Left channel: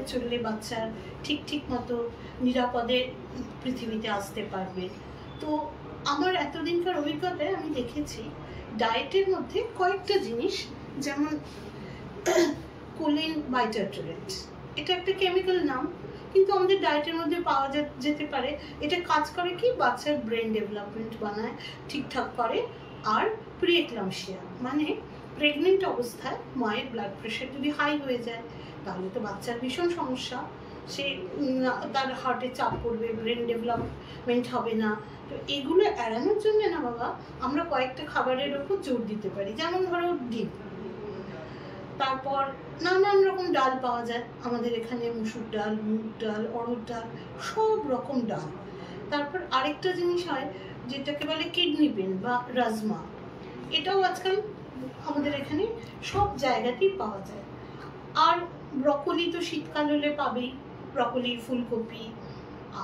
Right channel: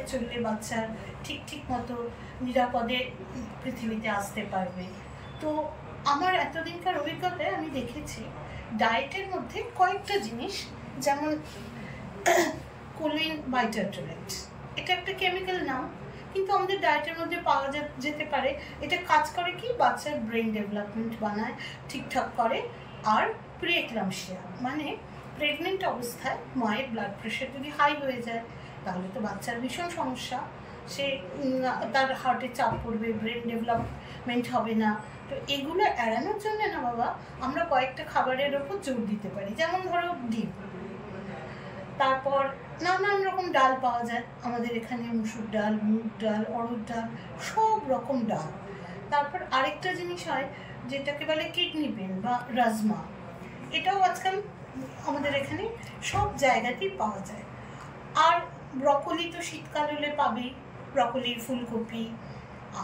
করে চললে বাচ্চার ঠিক মতো নিরাপদে পৃথিবীতে আসতে পারবে। তো আমার এতদিনকার অভিজ্ঞতায় আমি দেখেছি ডায়েটের মধ্যে কয়েকটা জিনিস, যেমন কোলিন বাইটারট্রেট, এটা একটা কেমিক্যাল নাম, কিন্তু আমাদের ডায়েটের মধ্যে পাওয়া যেতে পারে। এটা কাজ করে কি, বাচ্চার ব্রেন ডেভেলপমেন্ট বানায়, ঠিকঠাক করে। আর প্রিএক্লাম্পসিয়া মানে প্রেগনেন্ট অবস্থায় মায়ের ব্লাড প্রেশার যদি হাই হয়ে যায় তাহলে তো বাচ্চার ভীষণ সমস্যা, সে তার হার্টে চাপ পড়বে, ব্রেন ডেভেলপমেন্ট হবে না। তো এগুলো এড়ানোর জন্য না বাবা আমরা কয়েকটা খাবারের ওপর জোর দিতে পারি। যেমন ধরো ডিম, তারপর নানান রকম ডাল পাওয়া যায় আমাদের এখানে, মুসুর ডাল, মুগ ডাল, অড়হর ডাল, সব রকম ডাল। তারপর আরেকটা জিনিস হয় যেটাকে বলে কিডনি বিন বা রাজমা, এটাও আজকাল আমাদের এখানে সব জায়গাতেই পাওয়া যায়। আর ব্রকলি তো শীতকাল হলে পাবেই, ব্রকলি, ফুলকপি।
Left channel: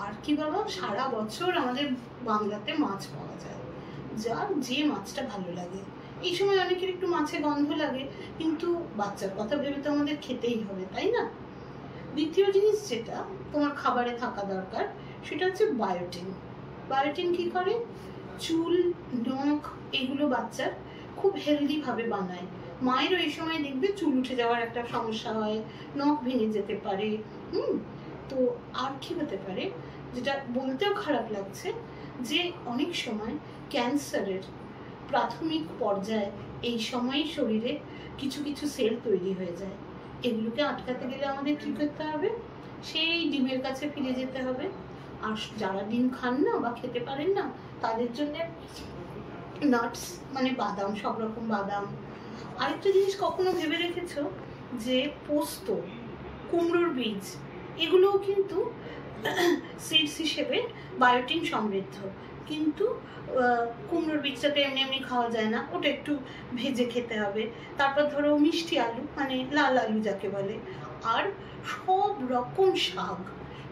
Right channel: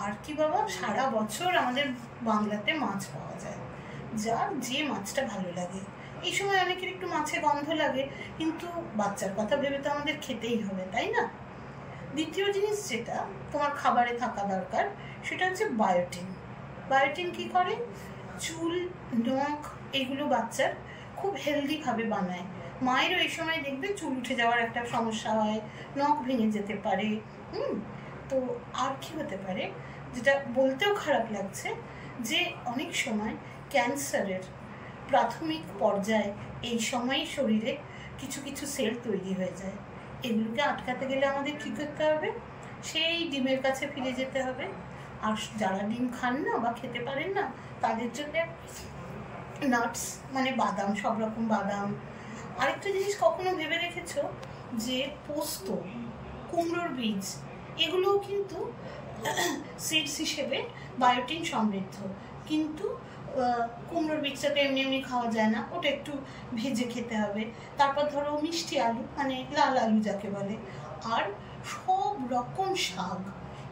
আর কি বাবা, সারা বছর আমাদের বাংলাতে মাছ পাওয়া যায়, যার যে মাছটা ভালো লাগে। এই সময় অনেকের একটু মাছে গন্ধ লাগে, কিন্তু বাচ্চার কথা ভেবে তো আমাদের খেতেই হবে, তাই না? দ্বিতীয় জিনিস যেটা তোমার খাবারে থাকা দরকার সেটা হচ্ছে বায়োটিন। বায়োটিন কি করে, চুল, নখ এগুলো বাচ্চার খুব হেলদিভাবে বানায়। মায়েরও এই সময় দেখবে চুল উঠে যাওয়ার একটা সমস্যা হয়, নখ ভেঙে যেতে পারে। তো আর কি হতে পারে, যেটা বলতেও খারাপ লাগছে, যে অনেক সময় ক্যান্সারের প্রাথমিক পর্যায়ে এই সময়ই শরীরে কিছু সেল তৈরি হয়ে যায়। এগুলোকে আটকাতে গেলে আমাদের কি করতে হবে, সেই ডিমের কাছে ফিরে যেতে হবে। আর যারা ডিম খান না বা খেতে পারেন না তাদের জন্য নাটস মানে বাদাম, সব রকম বাদাম। আরেকটা জিনিস কখনো ভেবে রেখেছো যে পোস্ত, কুমড়োর বীজ, এগুলোও কিন্তু সিডস হিসেবে বায়োটিন সমৃদ্ধ। কিন্তু কুমড়োর বীজটাকে এমনি খাওয়া যায় না, ওটা একটু ভেজে খেতে হবে। তারপর ধরো মিষ্টি আলু মানে লাল আলু যাকে বলে, আর সব রকম শাক,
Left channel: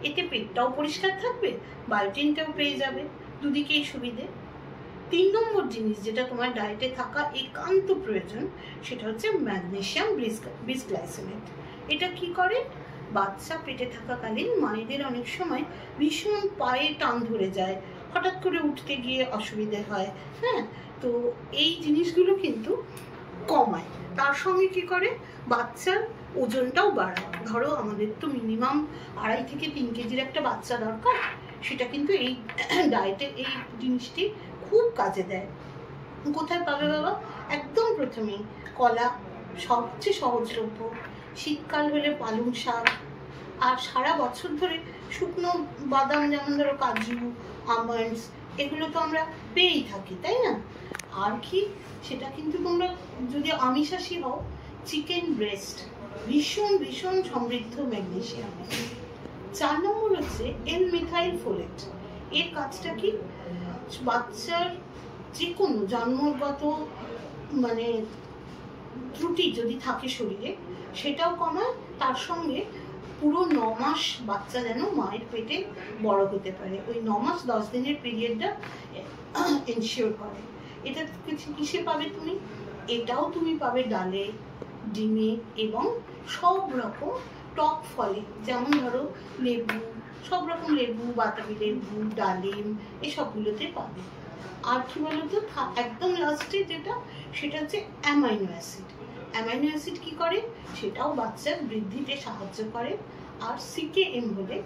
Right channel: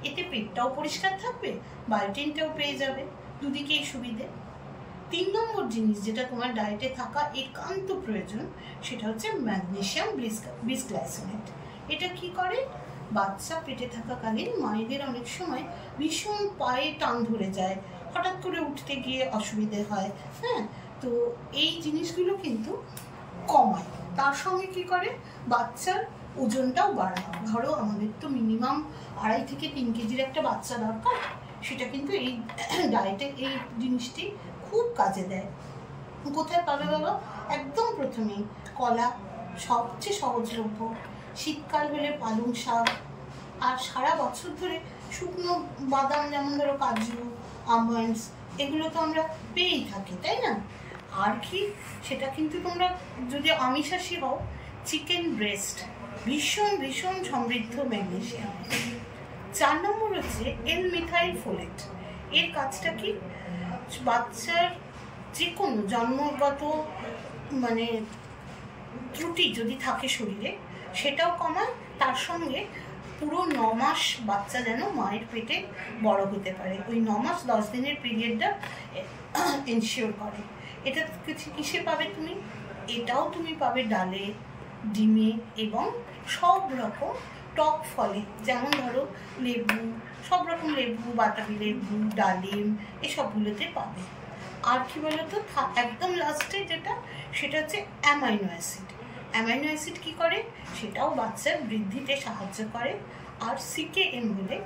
এতে পেটটাও পরিষ্কার থাকবে, বায়োটিনটাও পেয়ে যাবে, দুদিকেই সুবিধে। 3 নম্বর জিনিস যেটা তোমার ডায়েটে থাকা একান্ত প্রয়োজন সেটা হচ্ছে ম্যাগনেসিয়াম বিসগ্লাইসিনেট। এটা কি করে, বাচ্চা পেটে থাকাকালীন মায়েদের অনেক সময় ভীষণ পায়ে টান ধরে যায়, হঠাৎ করে উঠতে গিয়ে অসুবিধে হয়। হ্যাঁ, তো এই জিনিসগুলো কিন্তু কমায়। তার সঙ্গে কি করে, বাচ্চার ওজনটাও বাড়ায়। ধরো আমাদের তো মিনিমাম 2.5 থেকে 3 কেজির একটা বাচ্চা দরকার, সেটা কিন্তু এই ডায়েটের এই জিনিসটি খুব কাজে দেয়। কোথায় পাবে বাবা, একদম প্রথমেই কলা, সবচেয়ে সহজলভ্য। শীতকাল হলে পালং শাক, আর সারা বছর ধরে শুকনো বাদাম, যেমন ধরো কাজু, আমন্ডস, এগুলো তো আমরা পেয়েই থাকি, তাই না? আর কি, সেটা কিন্তু তোমরা যদি আমিষাশী হও, চিকেন ব্রেস্ট ভীষণ সমৃদ্ধ ম্যাগনেসিয়াম। 4 নম্বর হচ্ছে L-মিথাইল ফোলেট। এর কাজটা কি, বাচ্চার যে কোনো জন্মগত মানে ত্রুটি যদি থাকে শরীরে সেটাও কমায়, তার সঙ্গে পুরো 9 মাস বাচ্চা যেন মায়ের পেটে বড় হতে পারে, ওই 9 মাস 10 দিনের পিরিয়ডটা এনশিওর করে। এটা কিসে পাবে তুমি, এটাও তুমি পাবে ডালে, ডিমে এবং সব রকম টক ফলে, যেমন ধরো লেবু, সব রকম লেবু, বাতাবি লেবু, ডালিম, এসবগুলোতে পাবে। আর কি বলতো, একদম লাস্টে যেটা সেটা হচ্ছে অ্যামাইনো অ্যাসিড। অ্যামাইনো অ্যাসিড কী করে, সেটাও বাচ্চার বৃদ্ধিতে সাহায্য করে। আর CKM হলে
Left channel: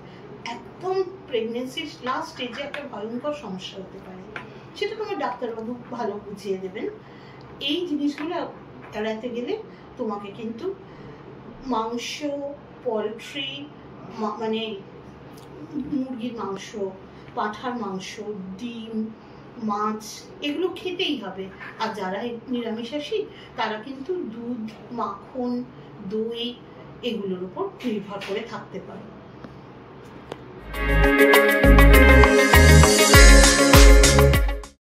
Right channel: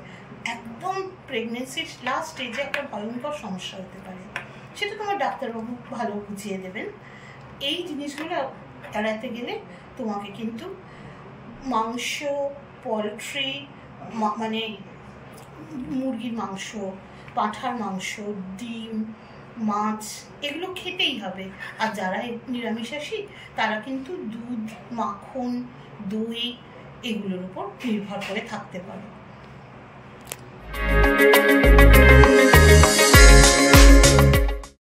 একদম প্রেগনেন্সির লাস্ট স্টেজে একটা ভয়ঙ্কর সমস্যা হতে পারে, সেটা তোমার ডাক্তারবাবু ভালো বুঝিয়ে দেবেন। এই জিনিসগুলো এড়াতে গেলে তোমাকে কিন্তু মাংস, পোলট্রি মানে মুরগির মাংস, পাঁঠার মাংস, ডিম, মাছ, এগুলো খেতেই হবে। আর যারা নিরামিষাশী তারা কিন্তু দুধ, মাখন, দই এগুলোর উপর নির্ভর করে থাকতে পারে।